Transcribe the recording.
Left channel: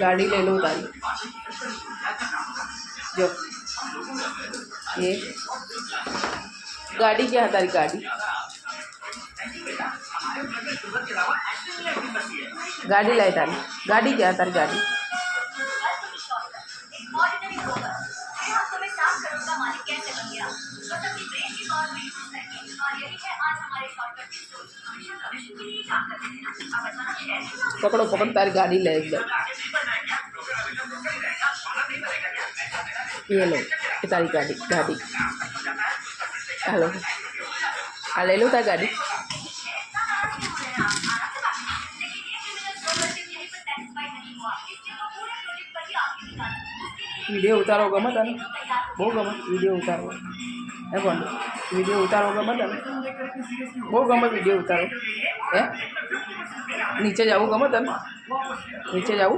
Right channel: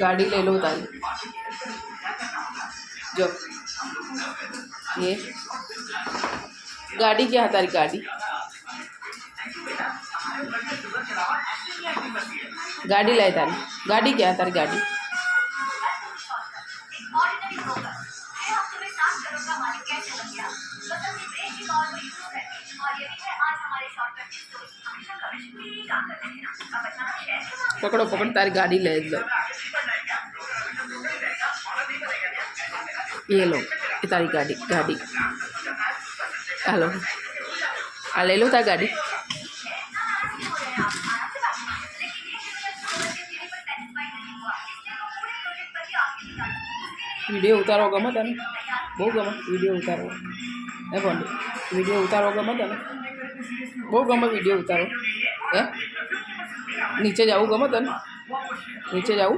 गाड़ी ले लो तारी जो ये गाड़ी क्या है तारी गाड़ी गाड़ी लाए तारी गाड़ी क्या है तारी गाड़ी पकड़ो पकड़ो तारी गाड़ी ले एक बार ये लो ये तारी गाड़ी गाड़ी हेलो ले लो तारी गाड़ी वीडियो उतारो गमे तने बहु गमे वीडियो उतारो ए बोल वीडियो उतारो गमे तने बहु गमे वीडियो उतारो ए नीचे जाऊ गमे तने नीचे जाऊ